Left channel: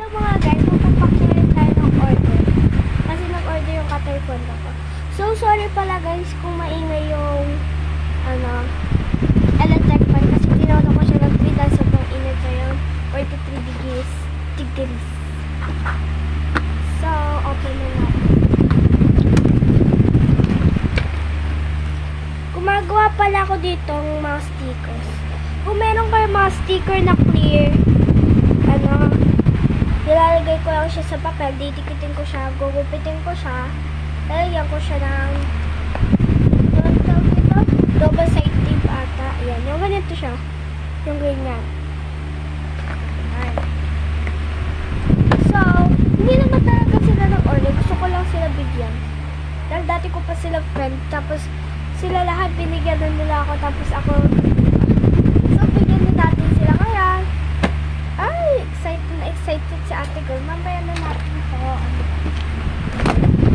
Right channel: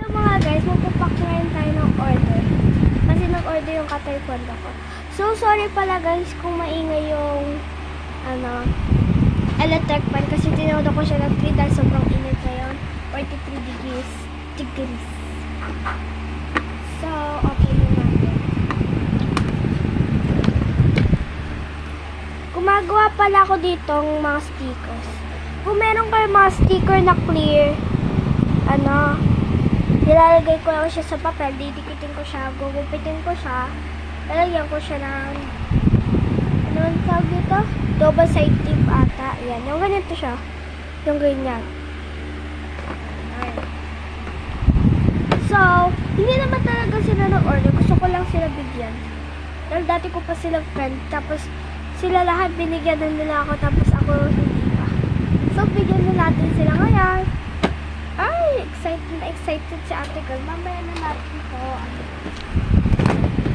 So mga guys, magpapak ngayon tayo ng order. Kasi nag-order yung ka-taekwondo ko. So sorry pala guys kung maingay yung electric fan kasi tinodo ko siya ng 3 dahil sobrang init ngayon. 43 degrees. So, open na natin. Gumagawa pala ako dito ng mga stickers. Kung meron kayo mga sticker na clear, nilalagay ko lang siya sa papel, didikitin ko siya, gugupitin ko siya, lalagyan ko siya ng tawag dito? Double side tape ata. Ayan, yung ganito siya. Yung ganyan. Ayan. So, hindi naman talaga sila nag-order. Gusto ko lang sila bigyan. Dahil dati ko pa sila friend. Tapos, sila lahat binigyan na nila ako. Tapos ako, hindi pa. So, bigyan na natin sila ngayon. Ay, excited si ate girl. Mamaya na natin ito.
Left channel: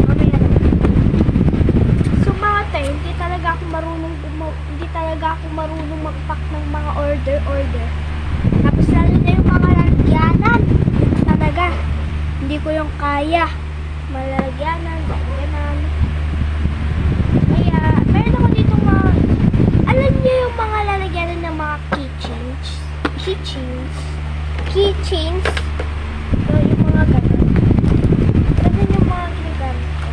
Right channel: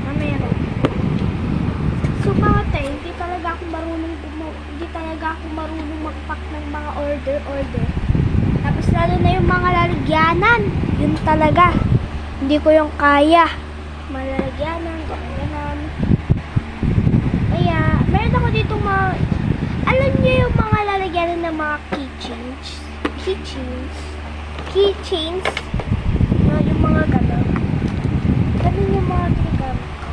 Mamaya na. So, mga tayo, hindi talaga ako marunong mag-pack ng mga order. Tapos, lalo na yung mga lalagyanan. Yun talaga. Hindi ko yung kaya. Malalagyanan, ganyan. Kaya, meron ako dito alam niyo yung mga lalagyanan ng mga keychains. No, yung mga gano'n. Ganun yung mga ginagamit ko.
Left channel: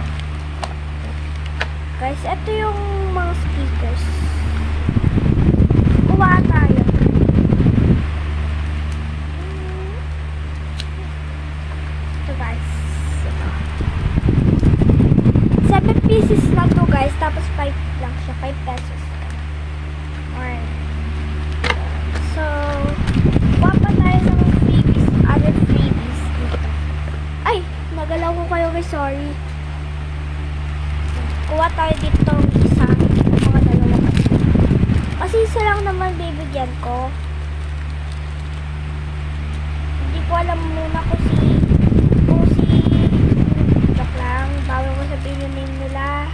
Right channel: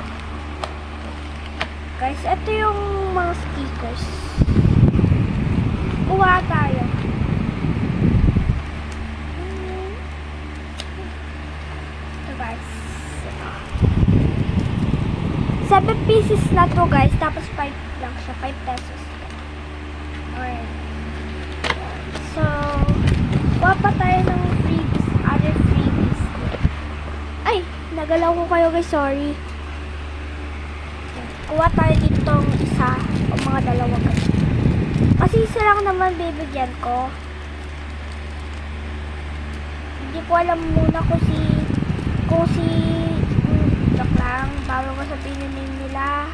Guys, ito yung mga stickers. Kuha tayo. Ito guys. 7 pieces na to guys. Tapos 5 lang siya. 5 pesos. Alright. So, kuha pa tayo ng other freebies. Ay! Nagalaw ko kayo guys. Sorry. Kuha tayo ditong isa o mga dalawa guys. Kasi isa lang naman bibigyan ko. Hindi ko alam muna kung joke lang. Bawal ko sabihin yung name nila.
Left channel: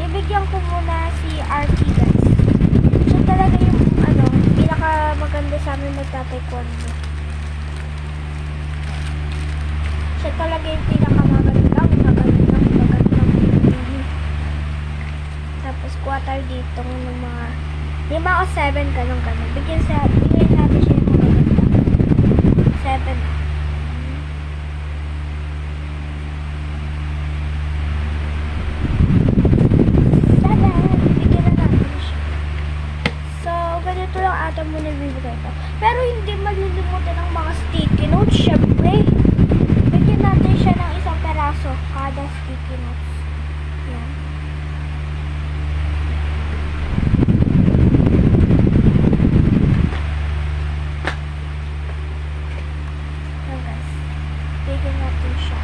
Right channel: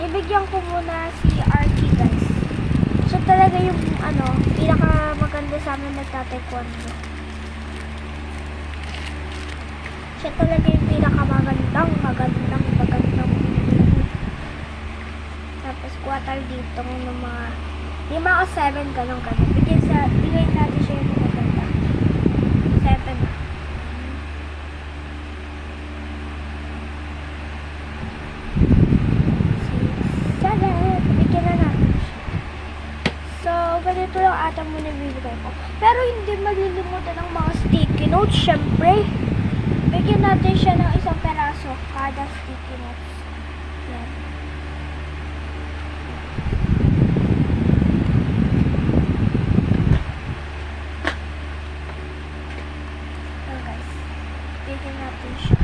Bibigyan ko muna si RT guys. So talaga yung pinaka maganda sa amin nagta-taekwondo. Siya talaga yung pinakamagandang tapos quarter dito ng mga 5 o 7 ganun. Bigyan natin siya yung magaganda 7 na. Bigyan na natin siya. So ganito lang ata muna bibigay ko, pero hindi malilimutan ng mga sticky notes. Syempre bigyan natin siya ng 1 peraso kada sticky notes. Yan. So guys, bigyan natin siya.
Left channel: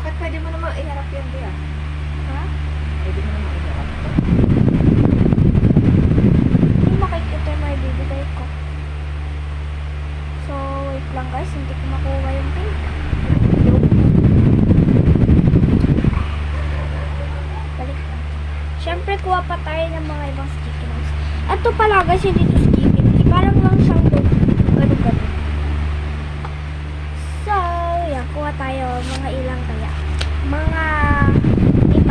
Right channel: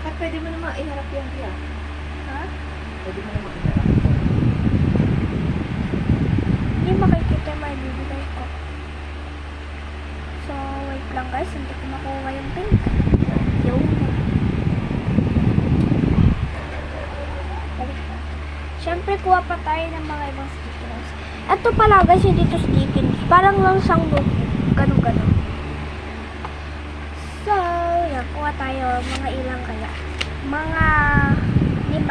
Bakit pwede mo naman iharap yan diya? Ha? Pwede mo naman iharap. Hindi makikita yung may bibigay ko. So, wait lang guys. Hindi ko makuha yung pin. Balik na. Siyempre, kuha pa tayo ng mga ibang sticky notes. Ito pala guys, hindi ito sticky notes. Parang lang siyang ganun. So, yan. Kuha tayo. Mga ilang kaya. Mga 5.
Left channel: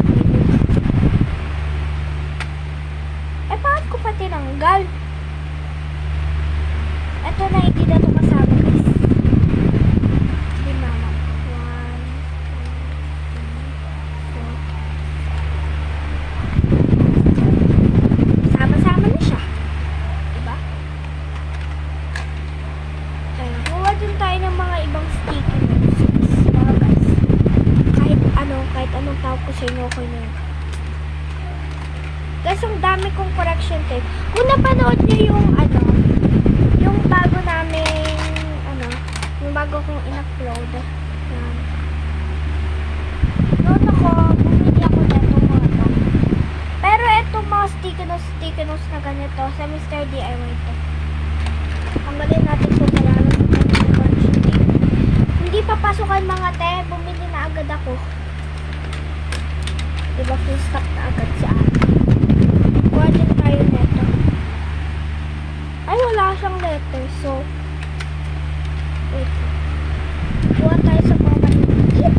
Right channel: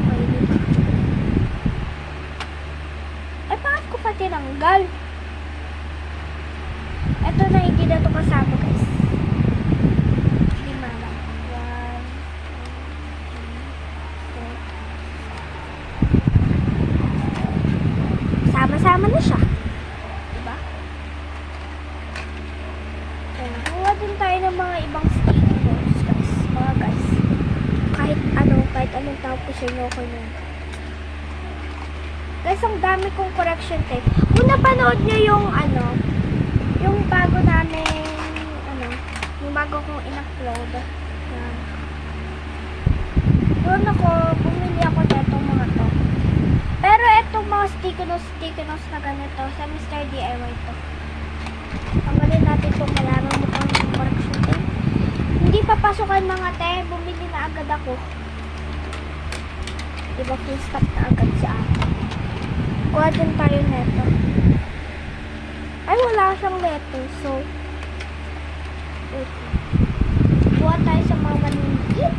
Okay, 5. Ay, bakit ko pa tinanggal? Ito na, hindi na ito kasama guys. 5 lang. 1, 2, 3, 4. Sama-sama na siya. Diba? Kaya, kuha din tayo ng mga ibang sticky notes guys. Mga guys. Kahit anong tawag ko sa inyo, okay na yun. Guys, ang dami kong correction tape. Kung napanood nyo yung bago namin, yung bago kong in-upload. Yan. Doon bumili ako netong mga to. Pero etong mga sticky notes na ganito, sa Mr. DIY to. Tanggalin natin kung kailangan mo kang correction tape. Hindi papasukan mga te, bumili na agad ako. Diba full stop na agad si ate. Kuha din tayo neto. Ay, wala siyang letter. So, wait. Buha tayo sa mga maliit.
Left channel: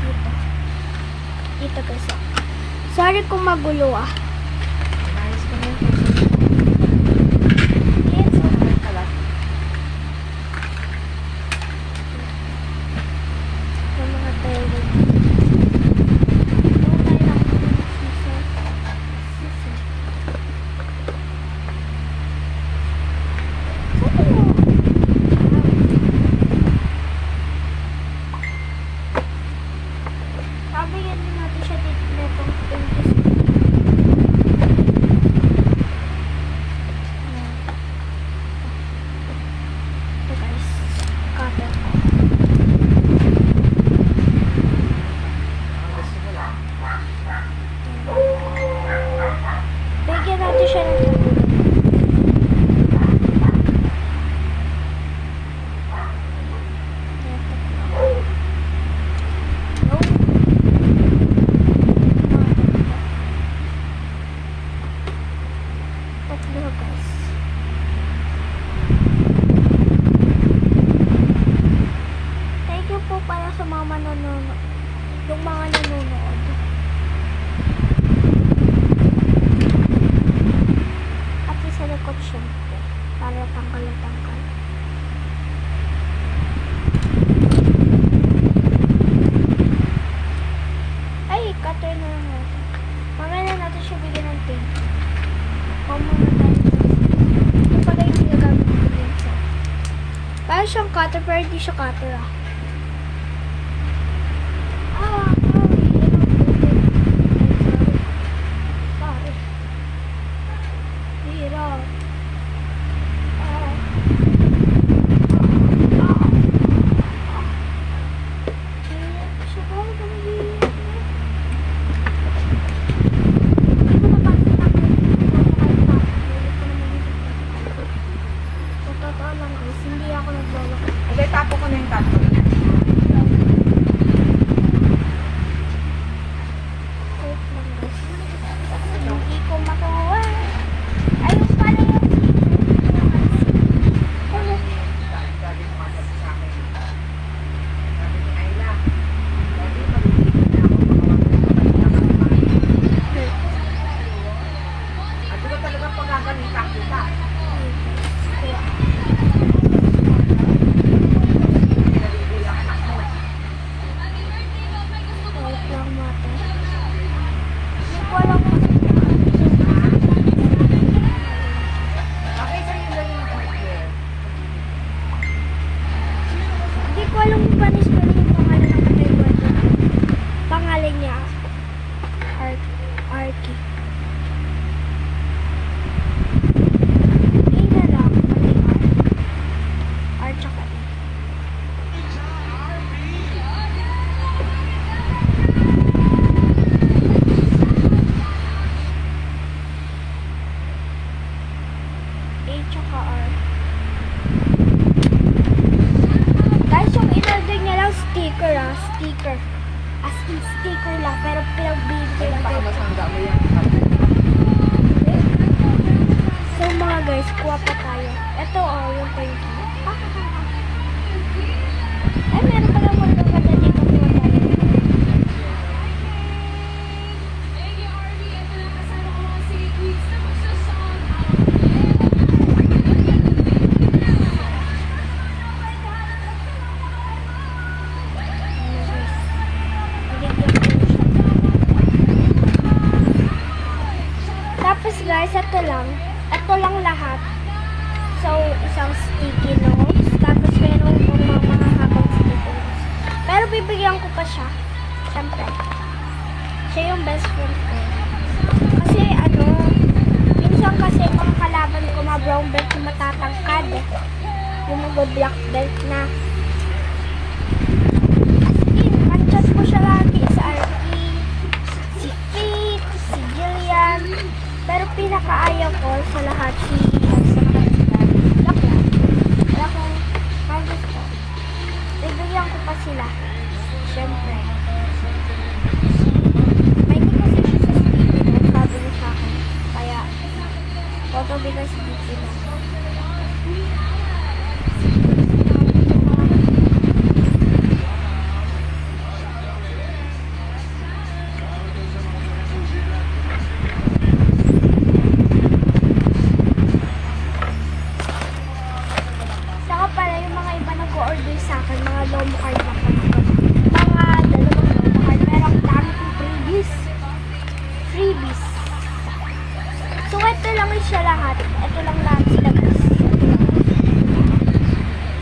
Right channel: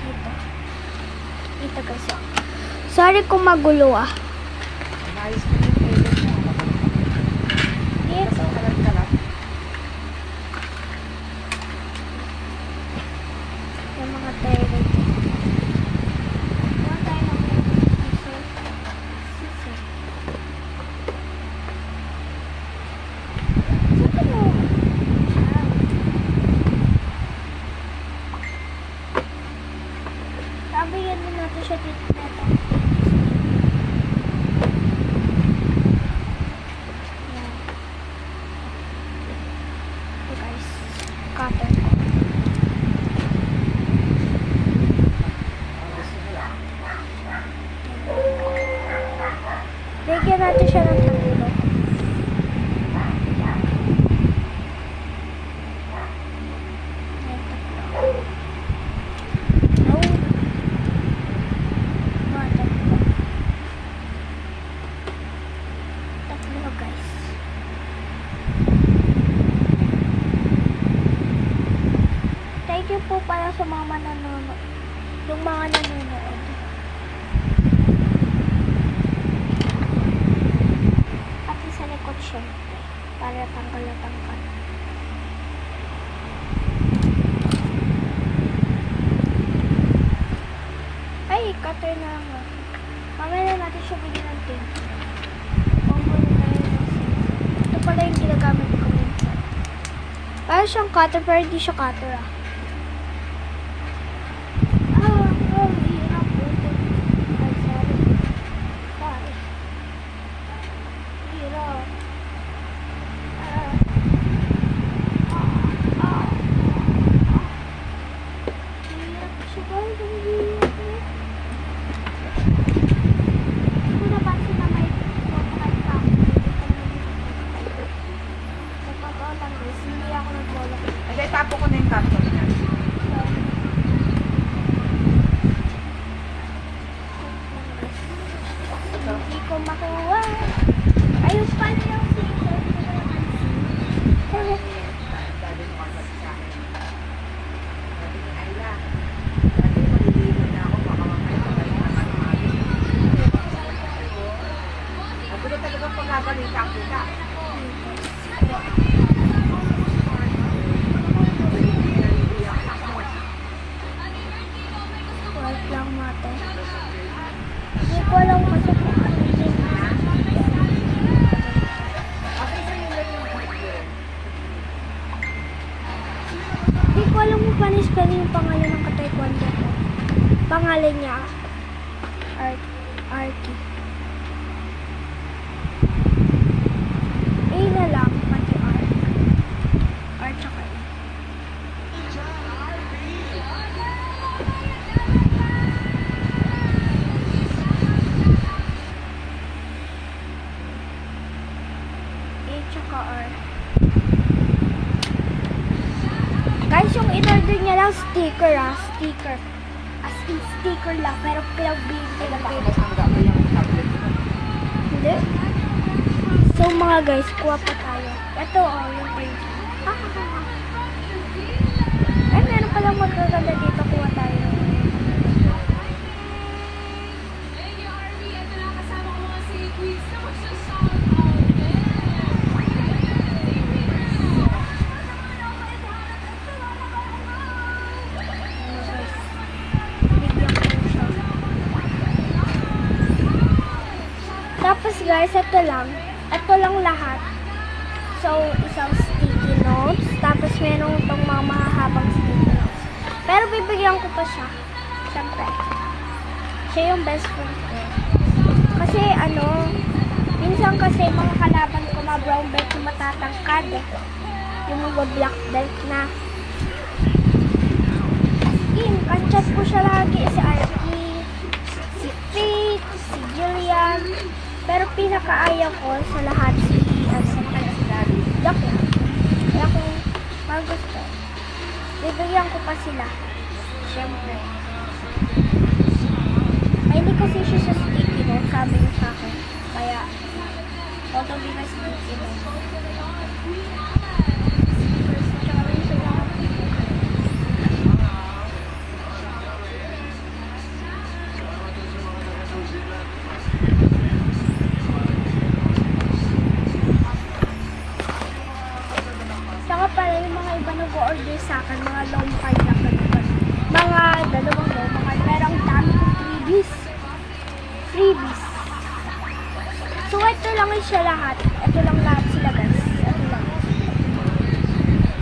Dito. Dito guys. Sorry kung magulo ah. Naayos ko na yung toilet. Dito. Kalat-kalat. Sa mga toilet. Buha tayo ng scissor. Scissor. Saan mo? Pabigyan din natin siya dito na itong ito guys, cutter ko. Ang gusto mo lang. Bigyan natin siya ng tatlo. No. Mga tatlo. Tatlo guys. Thank you po para sa mga manonood. Yung mga nanonood. Pati sa likod syempre. Para tanggal na tanggal. Ay, cutter na lang natin. Mamaya natin siya bigyan ng tape. Huwag muna tayo sa ito pala yung ginagamit ko minsan. Parang siyang cutter pero hindi siya cutter ah. Hirap ulit. Ay, sorry. Sorry. Hirap. Hirap siya ba? Hindi ko napansin na may napakaipang. Sa totoo lang guys, hindi ako nagloloko. Ay, dahil tapo ko na yung cup niya. Hindi ko makuha. Ayun pala yung scissor. Hindi ko napansin. Sabi mo kasi sa akin. Sabi ni Ayla. Sabi, maliligo na ako. Baka mamaya at sila talaga pagagaling sa kita. Wait lang natin. Hindi ko alam kasi Okay, so yun lang yung order. hindi ko alam kung paano spell yung pangalan ng kataykwato ko. Pangalan niya, Arky. A na lang, pati R. R tsaka E. A tsaka R. Guys, yung in-order niya lang sticker ah, sticker. As in sticker lang, pero plug binti lang. Baka mas magdami yung order. Hindi. So mga guys, kuha pa tayo. Ito oh, yung paint. Ay, meron palang magaganda dito. Kuha tayo. Tapos guys, ito lang. Ito lang lahat. So, isang sticky notes. Tapos meron itong mga mahahabang sticky notes. Pero bibigyan ko pa siya. Siyempre. Siya yung best friend ko. Kasi minsan kasi mga kalaban ko na brown belt na matatangkad. Yung mga black belt na. As in, ang chat ko siya lagi si Arky, si Faith, si Jillian. Pero pinakaayaw ko sa lahat si Joke lang. Kaya kung parang gusto, bibigyan ko pa sila. Siyempre. Ay, hindi kasi siya sa sticky note, sabi niya sa akin. Kaya, Auto bigas dito na. Saka pala yung mga iba nag-order sa akin, mga low card na pala. Mga dalawang low card. Merong dami kong freebies. Freebies. So, ito lang siya lahat. Ito lang lahat sila, guys. Ito lang.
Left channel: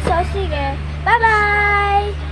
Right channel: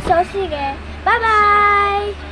So, sige. Bye-bye!